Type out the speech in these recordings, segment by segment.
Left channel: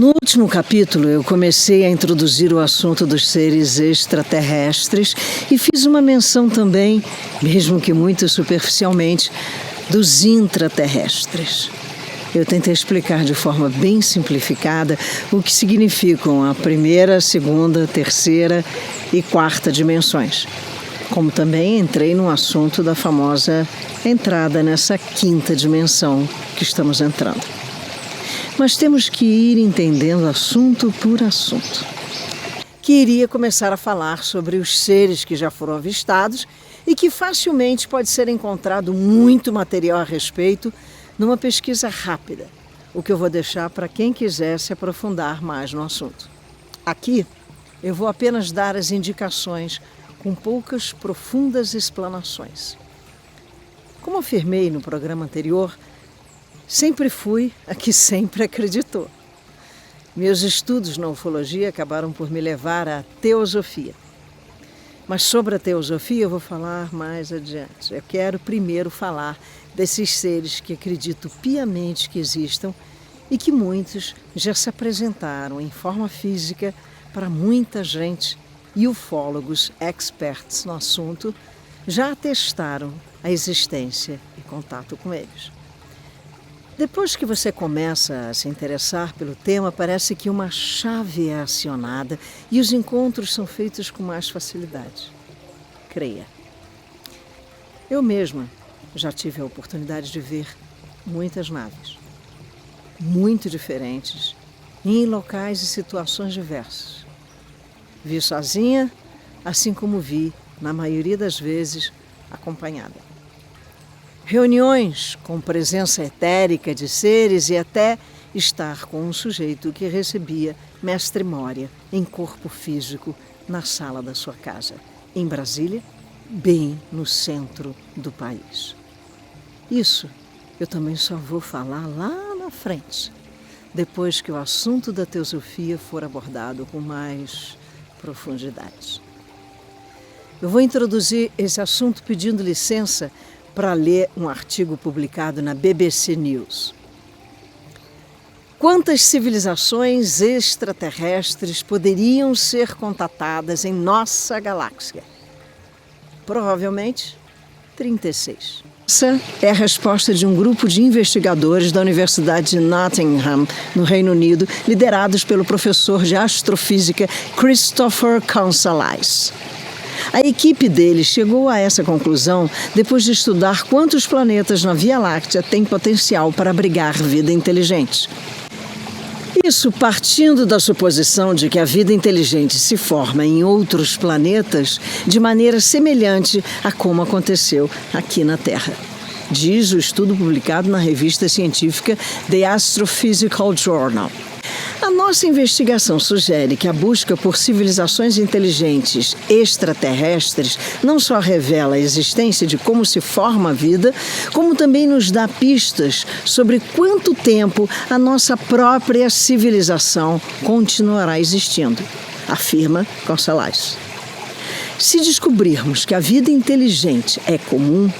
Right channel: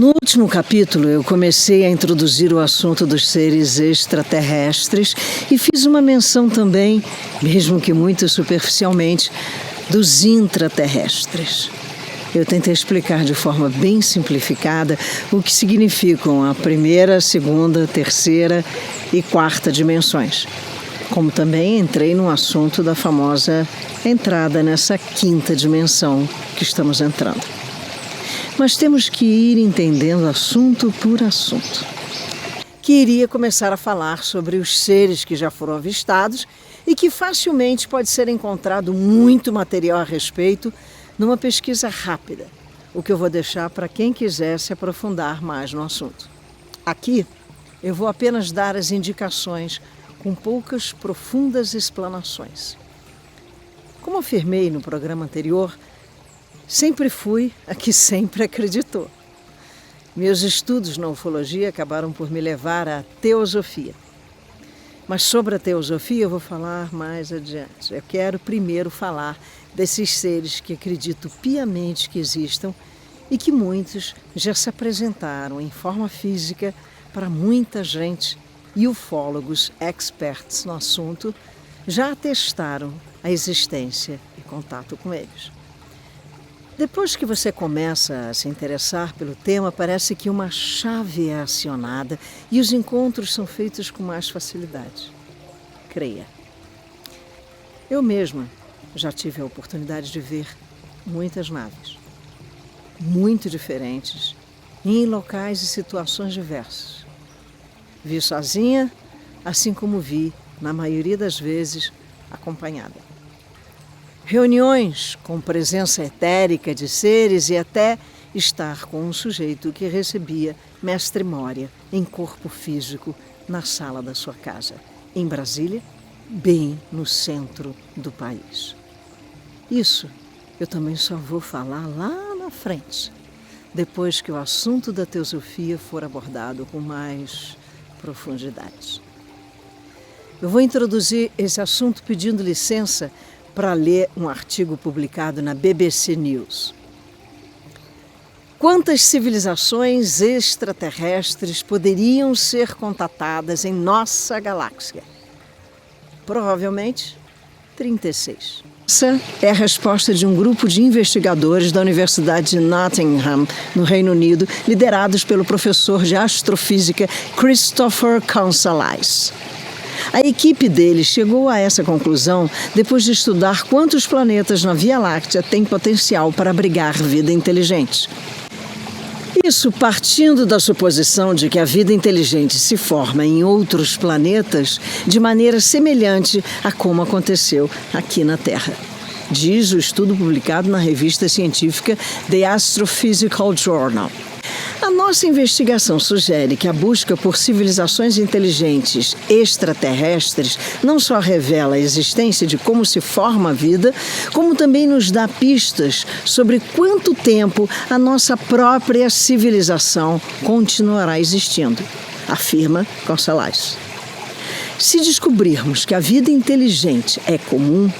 No último capítulo, eu comecei a introduzir o assunto dos seres extraterrestres e fiz uma menção também, mesmo que muito superficialmente, dos intraterrestres. Eu tentei explicar de forma bem simplificada o que significam a primeira, segunda, terceira e quarta dimensões. Como também entrei no assunto da famosa entrada nessa quinta dimensão que estamos entrando. Mas temos que ir entendendo assunto por assunto. Queria começar a falar sobre os seres que já foram avistados e que facilmente pode ser encontrado muito material a respeito numa pesquisa rápida, o que eu vou deixar para quem quiser se aprofundar mais no assunto. Aqui eu vou apenas dar as indicações com poucas profundas explanações. Como afirmei no programa anterior, sempre fui a que sempre acreditou. Meus estudos na ufologia acabaram por me levar à teosofia. Mas sobre a teosofia eu vou falar mais adiante. Eu quero primeiro falar desses seres que acredito piamente que existam e que muitos já se apresentaram em forma física para muita gente e ufólogos experts no assunto já atestaram a existência e contato com eles. Depois que você começa a se interessar pelo tema, parece que uma chave é acionada e os encontros são feitos com mais facilidade. Creia. Eu mesma já tive a oportunidade de ver muitas naves, muito diferentes, em locais e situações diversas. Vi sozinha, assim como vi, na maioria das vezes, acompanhada. Reuniões com presença etérica de seres e até estar com um sujeito que recebia mestre Moria em corpo físico na sala da sua casa, em Brasília, bem no centro do país. Isso eu também só vou falar lá na frente, depois que o assunto da teosofia for abordado com mais profundidade. Eu vou introduzir esse assunto pedindo licença para ler um artigo publicado na BBC News. Quantas civilizações extraterrestres poderiam ser contatadas em nossa galáxia? Provavelmente 36. Essa é a resposta de um grupo de investigadores da Universidade de Nottingham, no Reino Unido, liderados pelo professor de astrofísica Christopher Consolais. A equipe dele chegou a essa conclusão depois de estudar quantos planetas na Via Láctea têm potencial para abrigar vida inteligente. Isso partindo da suposição de que a vida inteligente se forma em outros planetas de maneira semelhante a como aconteceu aqui na Terra. Diz o estudo publicado na revista científica The Astrophysical Journal. A nossa investigação sugere que a busca por civilizações inteligentes extraterrestres não só revela a existência de como se forma a vida, como também nos dá pistas sobre quanto tempo a nossa própria civilização continuará existindo, afirma Consolais. Se descobrirmos que a vida inteligente é comum,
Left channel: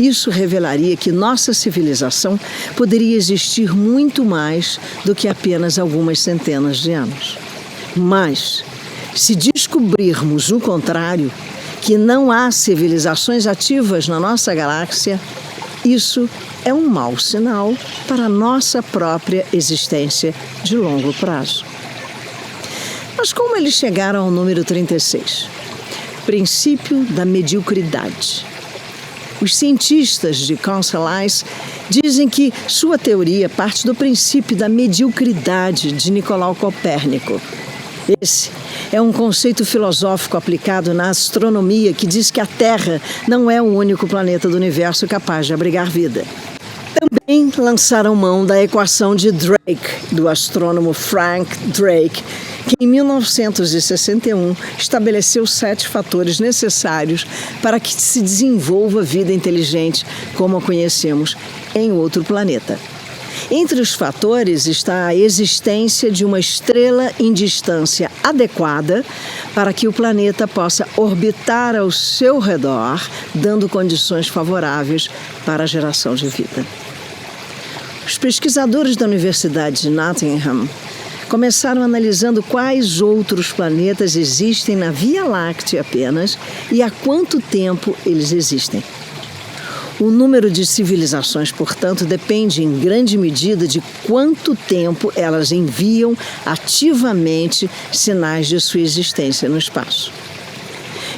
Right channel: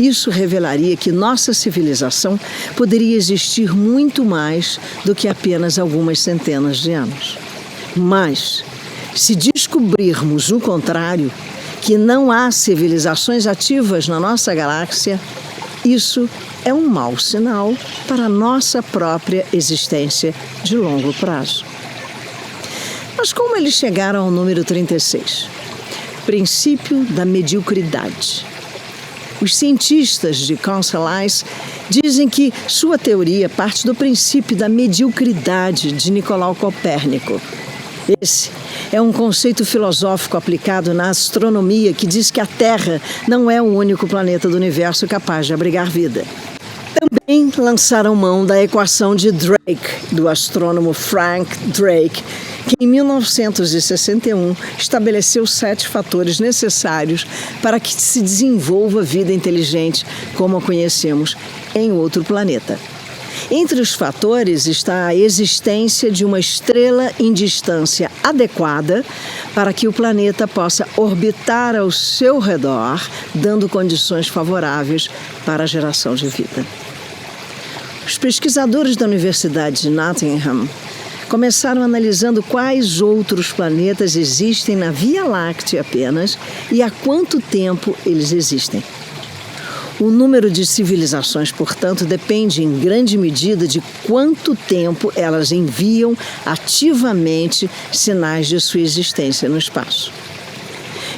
isso revelaria que nossa civilização poderia existir muito mais do que apenas algumas centenas de anos. Mas, se descobrirmos o contrário, que não há civilizações ativas na nossa galáxia, isso é um mau sinal para a nossa própria existência de longo prazo. Mas como eles chegaram ao número 36? Princípio da mediocridade. Os cientistas de Consolais dizem que sua teoria parte do princípio da mediocridade de Nicolau Copérnico. Esse é um conceito filosófico aplicado na astronomia que diz que a Terra não é o único planeta do universo capaz de abrigar vida. Também lançaram mão da equação de Drake, do astrônomo Frank Drake, que em 1961 estabeleceu 7 fatores necessários para que se desenvolva vida inteligente como a conhecemos em outro planeta. Entre os fatores está a existência de uma estrela em distância adequada para que o planeta possa orbitar ao seu redor, dando condições favoráveis para a geração de vida. Os pesquisadores da Universidade de Nottingham Começaram analisando quais outros planetas existem na Via Láctea apenas e há quanto tempo eles existem. O número de civilizações, portanto, depende em grande medida de quanto tempo elas enviam ativamente sinais de sua existência no espaço.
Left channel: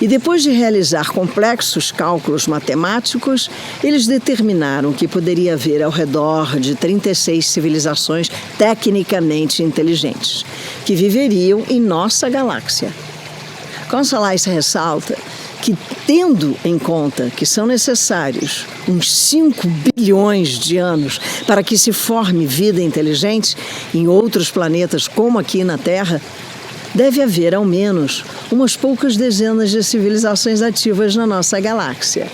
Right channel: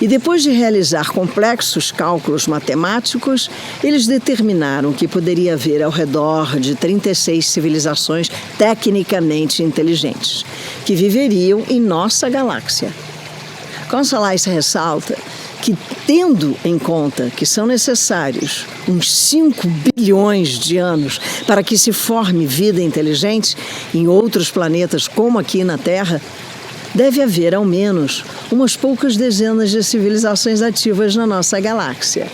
E depois de realizar complexos cálculos matemáticos, eles determinaram que poderia haver ao redor de 36 civilizações tecnicamente inteligentes, que viveriam em nossa galáxia. Consolais ressalta que, tendo em conta que são necessários uns 5 bilhões de anos para que se forme vida inteligente em outros planetas como aqui na Terra, deve haver ao menos umas poucas dezenas de civilizações ativas na nossa galáxia.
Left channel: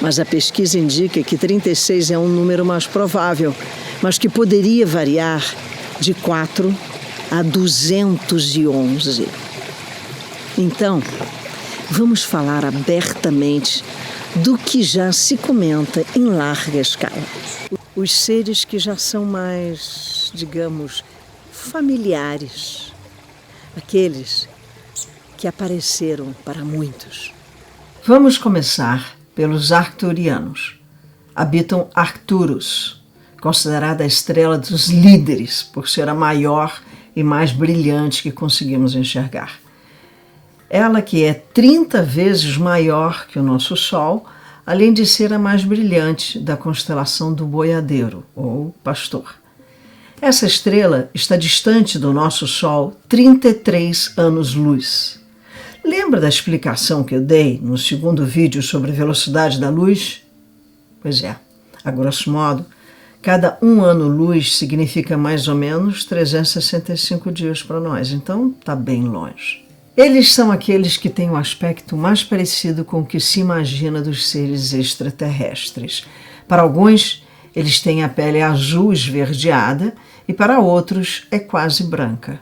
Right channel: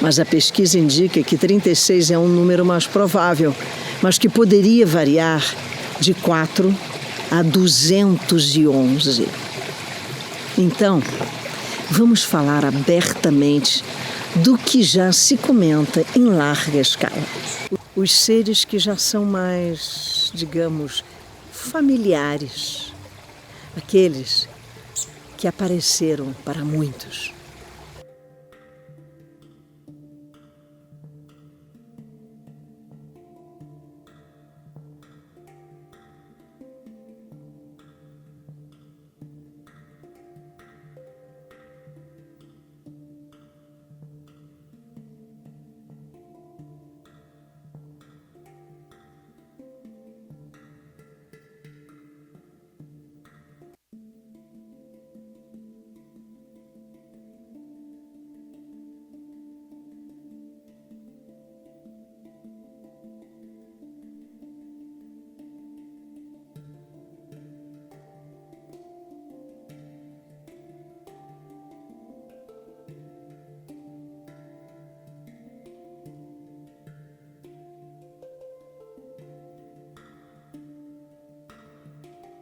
Mas a pesquisa indica que 36 é um número mais provável, mas que poderia variar de 4 a 211. Então, vamos falar abertamente do que já se comenta em larga escala. Os seres que já são mais, digamos, familiares. Aqueles que apareceram para muitos. Vamos começar pelos arcturianos. Habitam Arcturus, considerada a estrela dos líderes, por ser a maior e mais brilhante que conseguimos enxergar. Ela que é 30 vezes maior que o nosso Sol, além de ser a mais brilhante da constelação do Boiadeiro, ou Pastor. Essa estrela está distante do nosso Sol 33 anos-luz. Lembra da explicação que eu dei no segundo vídeo sobre a velocidade da luz? Pois é, a grosso modo, cada 1 ano-luz significa mais ou menos 365 dias para nós, então está bem longe. Eles são aqueles que têm o aspecto mais parecido com o que se imagina dos seres extraterrestres. Para alguns, eles têm a pele azul esverdeada e para outros é quase branca.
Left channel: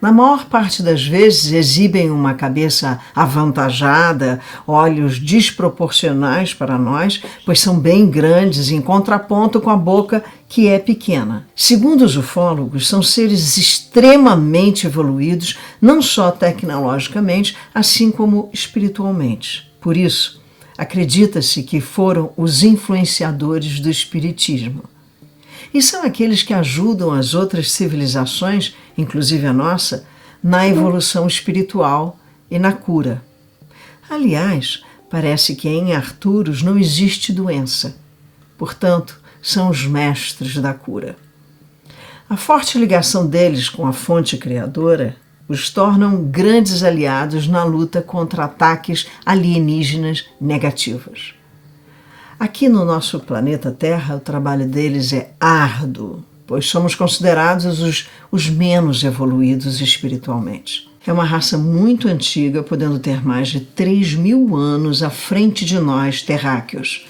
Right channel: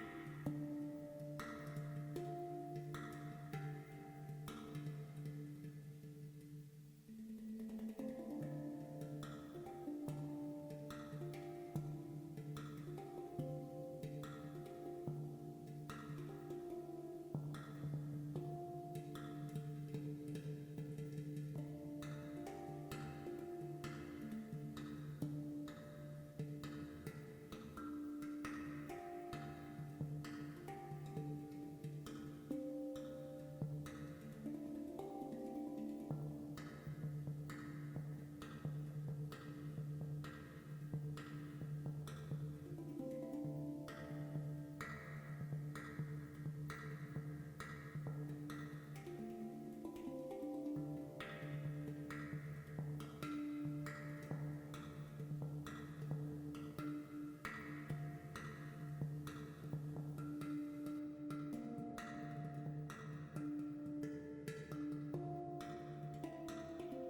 Na maior parte das vezes exibem uma cabeça avantajada, olhos desproporcionais para nós, pois são bem grandes em contraponto com a boca que é pequena. Segundo os ufólogos, são seres extremamente evoluídos, não só tecnologicamente, assim como espiritualmente. Por isso, acredita-se que foram os influenciadores do espiritismo. E são aqueles que ajudam as outras civilizações, inclusive a nossa, na evolução espiritual e na cura. Aliás, parece que em Arcturus não existe doença. Portanto, são os mestres da cura. A forte ligação deles com a fonte criadora os tornam grandes aliados na luta contra ataques alienígenas negativos. Aqui no nosso planeta Terra, o trabalho deles é árduo, pois somos considerados os menos evoluídos espiritualmente. É uma raça muito antiga, podendo ter mais de 3.000 anos à frente de nós, terráqueos.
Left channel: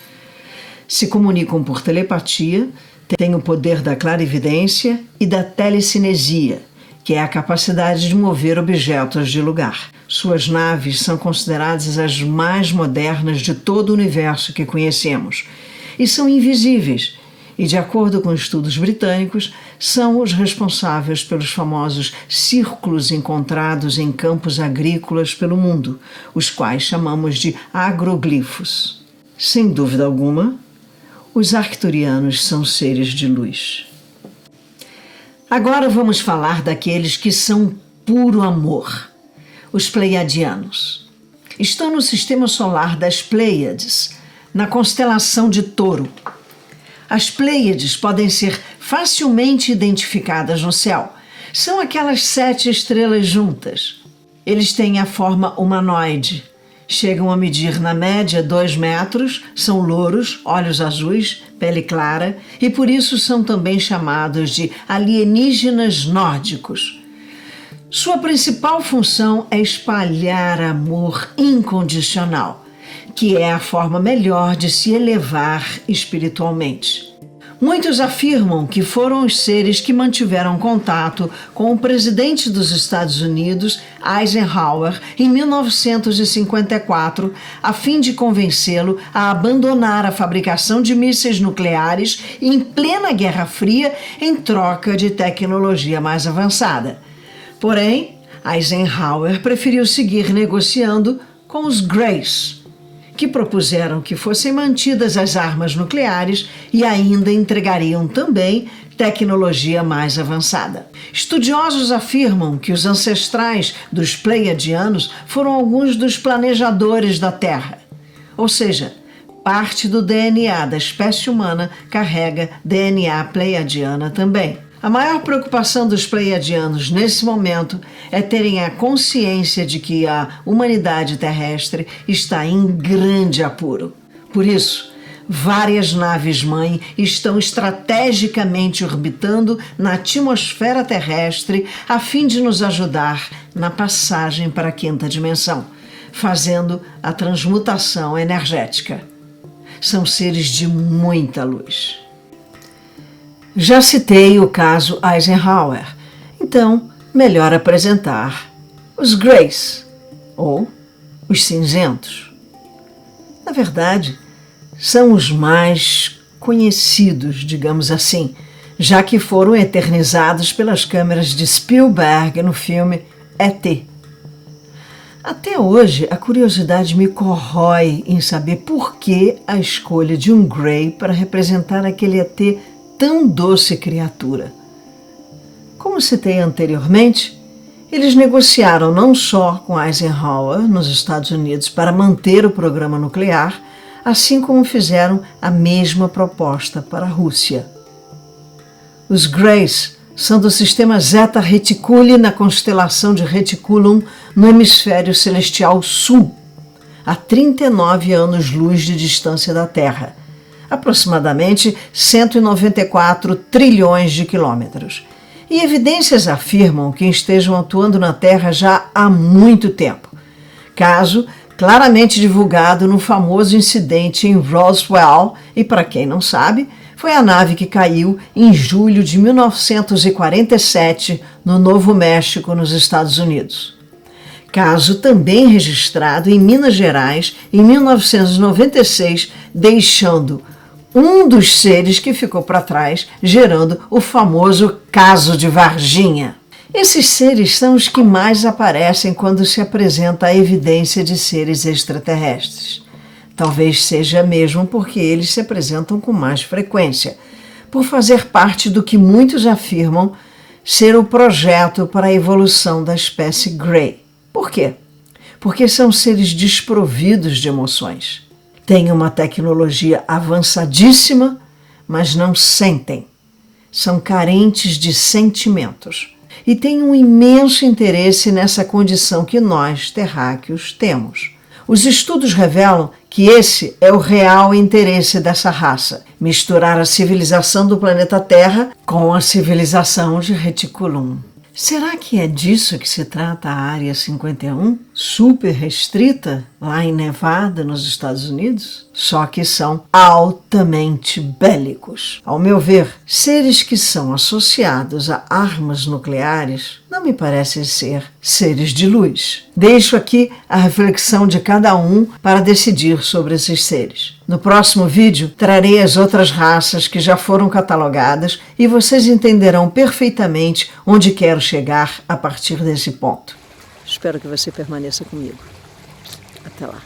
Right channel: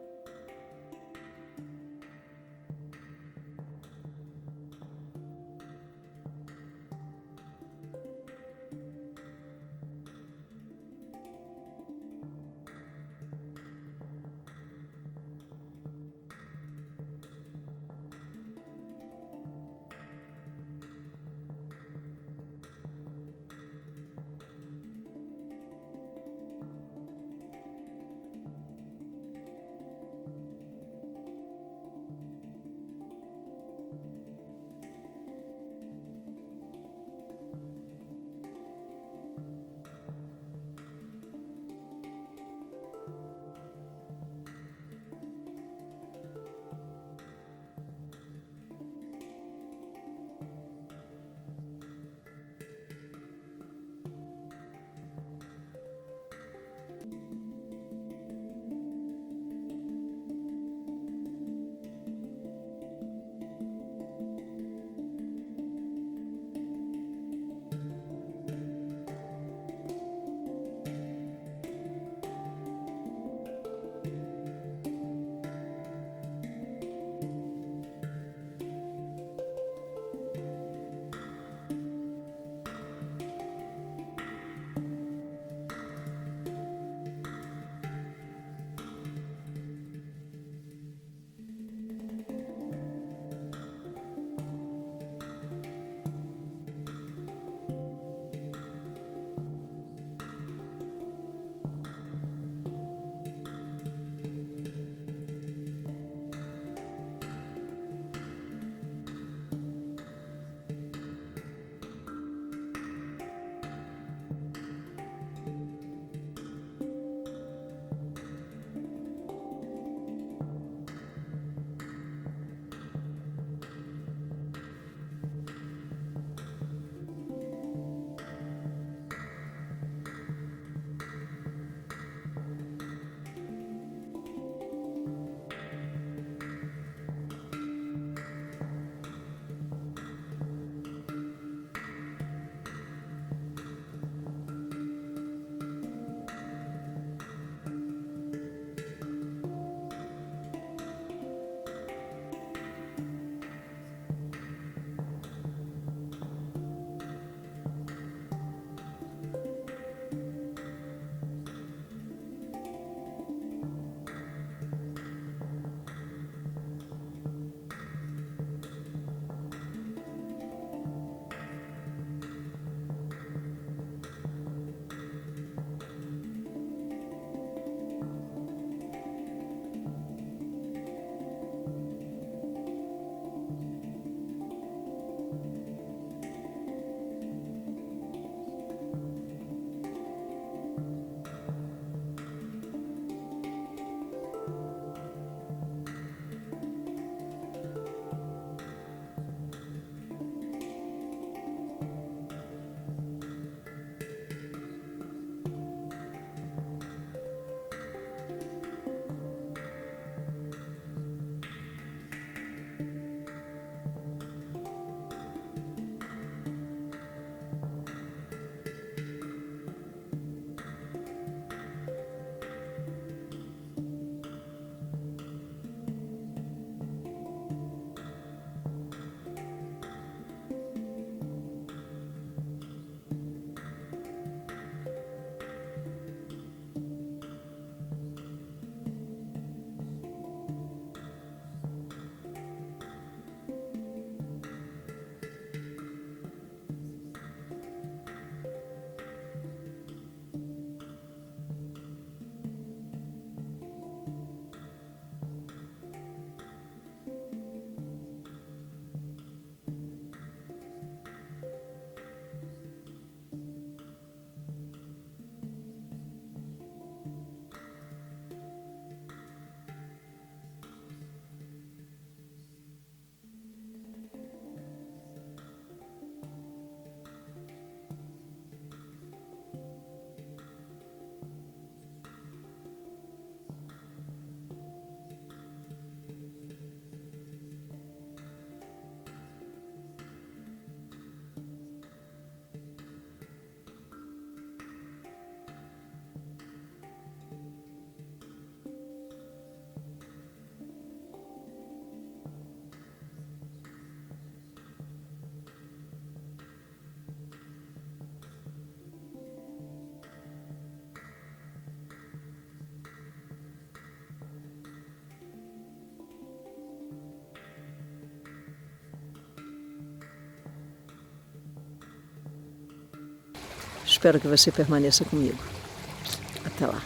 Se comunicam por telepatia, têm o poder da clarividência e da telecinesia, que é a capacidade de mover objetos de lugar. Suas naves são consideradas as mais modernas de todo o universo que conhecemos e são invisíveis e, de acordo com estudos britânicos, são os responsáveis pelos famosos círculos encontrados em campos agrícolas pelo mundo, os quais chamamos de agroglifos. Sem dúvida alguma, os arcturianos são seres de luz. Agora vamos falar daqueles que são puro amor. Os Pleiadianos. Estão no sistema solar das Pleiades, na constelação de Touro. As Pleiades podem ser facilmente identificadas no céu. São aquelas 7 estrelas juntas. Eles têm a forma humanoide. Chegam a medir na média 2 metros, são louros, olhos azuis, pele clara e por isso são também chamados de alienígenas nórdicos. Sua principal função é espalhar amor incondicional, que é a forma melhor de se elevar espiritualmente. Muitos afirmam que foram os seres que mantiveram contato com o presidente dos Estados Unidos, Eisenhower, em 1954, a fim de convencê-lo a abandonar a fabricação de mísseis nucleares em plena Guerra Fria em troca de tecnologia mais avançada. Porém, Eisenhower preferiu seguir negociando com os Greys, que propuseram que fossem mantidas as armas nucleares e ainda entregariam também tecnologia mais avançada. Estudiosos afirmam que os ancestrais dos Pleiadianos foram alguns dos planejadores da Terra, ou seja, parte do DNA da espécie humana carrega DNA pleiadiana também. A maior preocupação dos pleiadianos nesse momento é terem a consciência de que a humanidade terrestre está em grande apuro. Por isso, várias naves-mãe estão estrategicamente orbitando na atmosfera terrestre a fim de nos ajudar na passagem para a quinta dimensão, fazendo a transmutação energética. São seres de muita luz. Já citei o caso Eisenhower, então melhor apresentar os Greys, ou os cinzentos. Na verdade, são os mais conhecidos, digamos assim, já que foram eternizados pelas câmeras de Spielberg no filme E.T. Até hoje, a curiosidade me corrói em saber por que a escolha de um Grey para representar aquele ET tão doce criatura. Como citei anteriormente, eles negociaram não só com Eisenhower nos Estados Unidos para manter o programa nuclear, assim como fizeram a mesma proposta para a Rússia. Os Greys são do sistema Zeta Reticuli na constelação de Reticulum no hemisfério celestial sul, a 39 anos-luz de distância da Terra, aproximadamente 194 trilhões de quilômetros. E evidências afirmam que estejam atuando na Terra já há muito tempo. Caso claramente divulgado no famoso incidente em Roswell, e para quem não sabe, foi a nave que caiu em julho de 1947 no Novo México, nos Estados Unidos. Caso também registrado em Minas Gerais em 1996, deixando um dos seres que ficou para trás, gerando o famoso caso de Varginha. Esses seres são os que mais aparecem quando se apresenta a evidência de seres extraterrestres. Talvez seja mesmo porque eles se apresentam com mais frequência, por fazer parte do que muitos afirmam ser o projeto para a evolução da espécie Grey. Por quê? Porque são seres desprovidos de emoções. Têm uma tecnologia avançadíssima, mas não sentem. São carentes de sentimentos. E têm um imenso interesse nessa condição que nós, terráqueos, temos. Os estudos revelam que esse é o real interesse dessa raça: misturar a civilização do planeta Terra com a civilização de Reticulum. Será que é disso que se trata a Área 51, super restrita, lá em Nevada, nos Estados Unidos? Só que são altamente bélicos. Ao meu ver, seres que são associados a armas nucleares não me parecem ser seres de luz. Deixo aqui a reflexão de cada um para decidir sobre esses seres. No próximo vídeo, trarei as outras raças que já foram catalogadas e vocês entenderão perfeitamente onde quero chegar a partir desse ponto. Espero que você permaneça comigo. Até lá.